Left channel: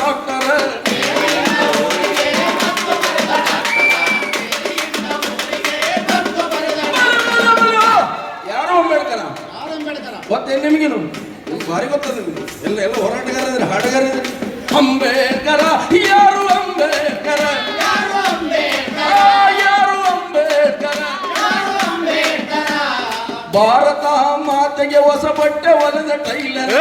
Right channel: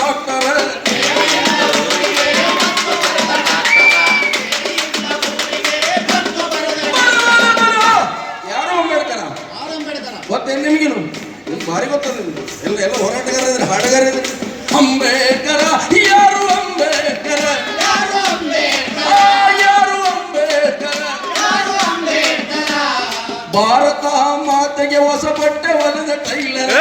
Doctor ಯಾರು ಅಂಬೇಡ್ಕರ? ಮತ್ತೆ ನಿಮಗಿನ ಭಾರಿ ಗೊತ್ತಲ್ಲ ನಿಮ್ಗೆ. ಎಲ್ಲ ಎಲ್ಲ ಹೋರಾಟಗಾರ ಹಾಡಗಾರ ಅಂಬೇಡ್ಕರ, ಯಾರು ಅಂಬೇಡ್ಕರ? ಯಾರು ಅಂಬೇಡ್ಕರ? ಭಾರತ ಮಾತೆಗೆ ಹೊಸ ಬಟ್ಟೆ ಹೊಲದ ಟೈಲರ್.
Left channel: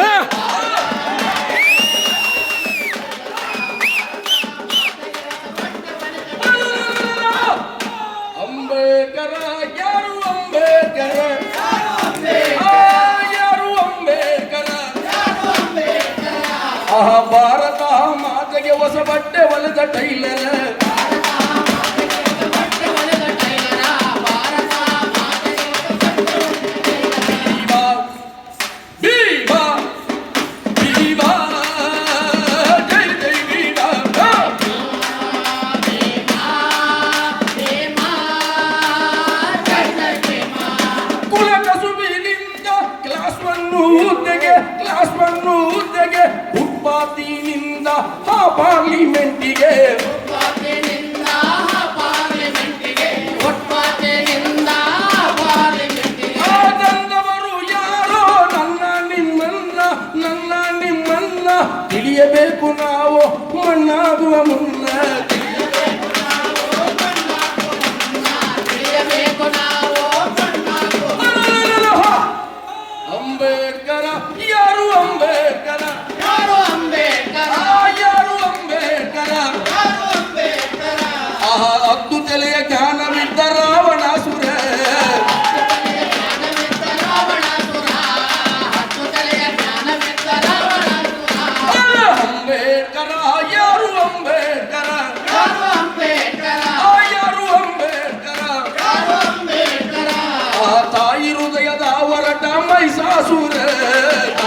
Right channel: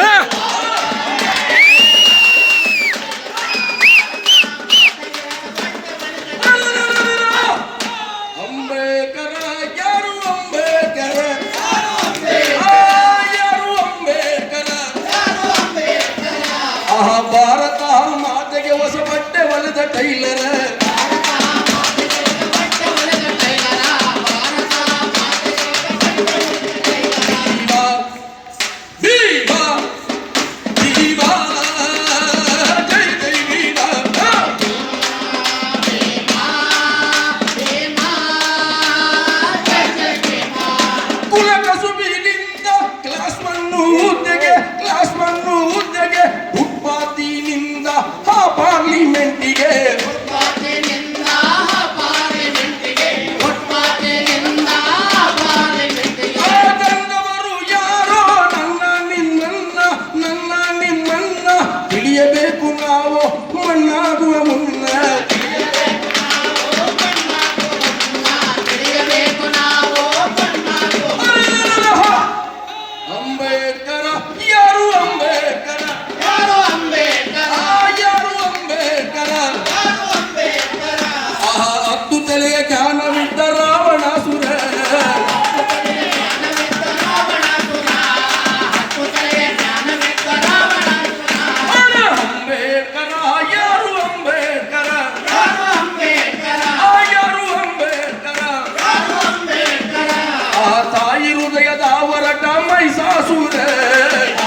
mais azul, né?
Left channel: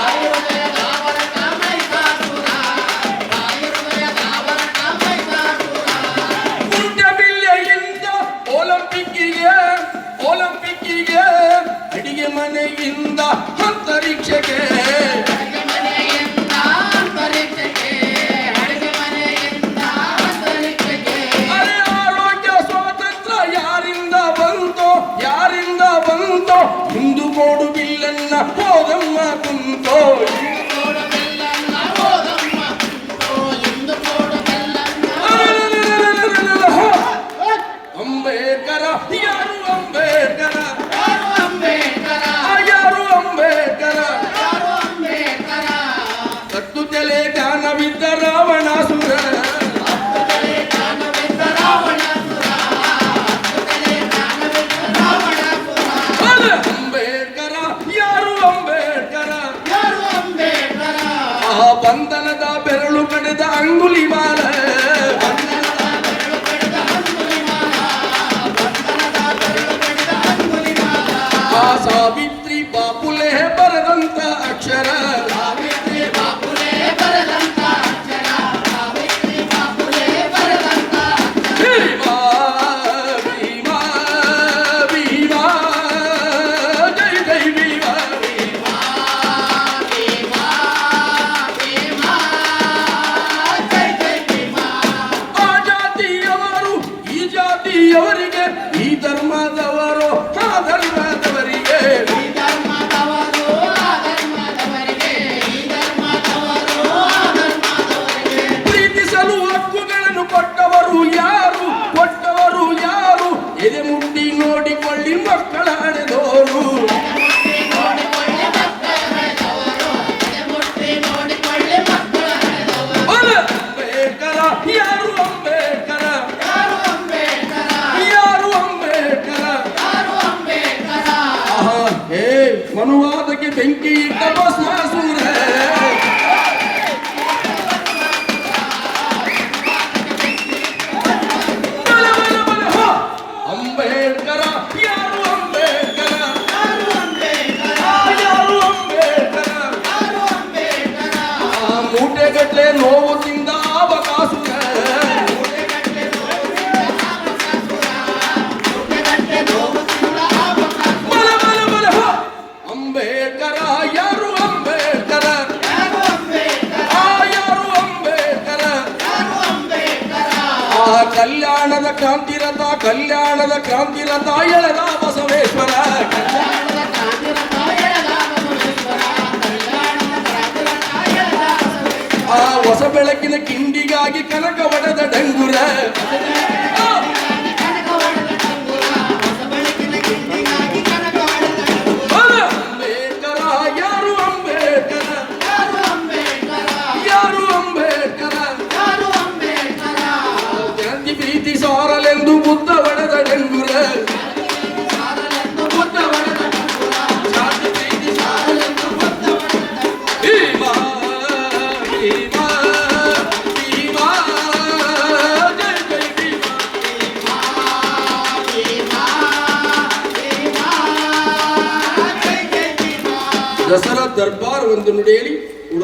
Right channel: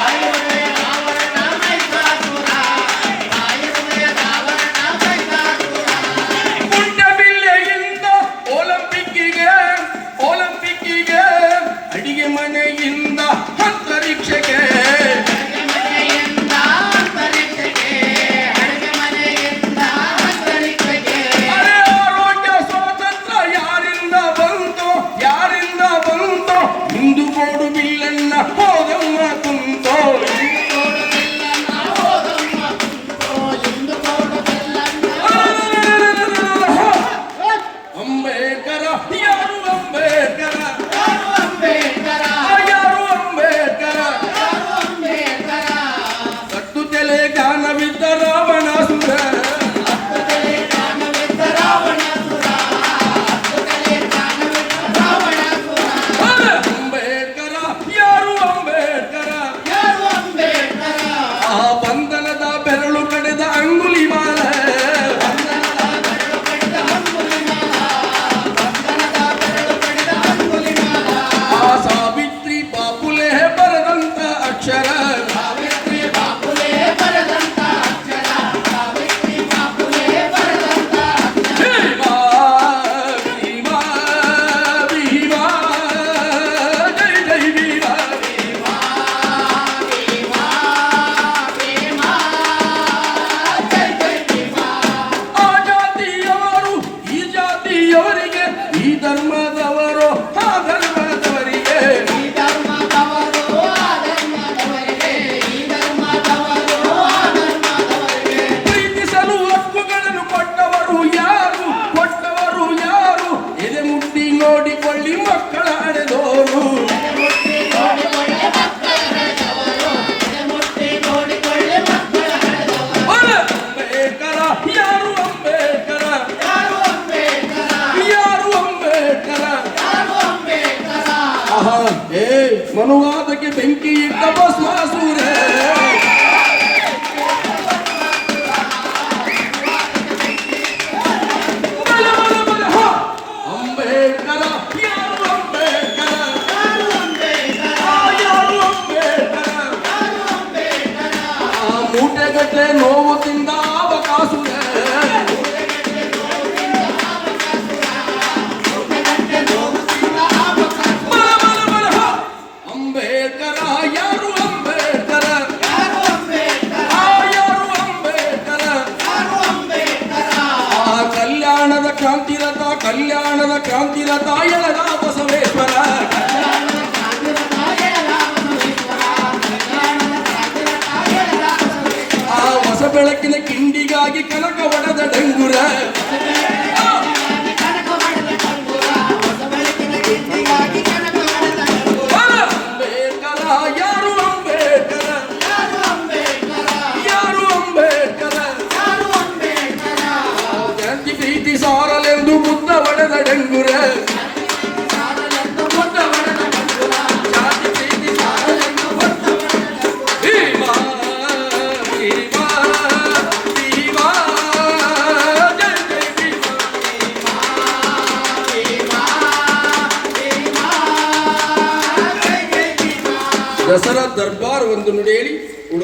ಬಂಧನದ ಬೆರಳು ಪಡೆದ ಅಂಗುಲಿ ಮಾಲ ಮೂಟೆಗಟ್ಟಲೆ ನೋವು ನೀತಿ ಸಾರಲೆಂದು ಮುತ್ತ ಒಡೆದ ಡೆಂಗುರೆ ದಸರಾ ದರ್ಬಾರ್ ಒಂದು ನುಡಿಯಲ್ಲಿ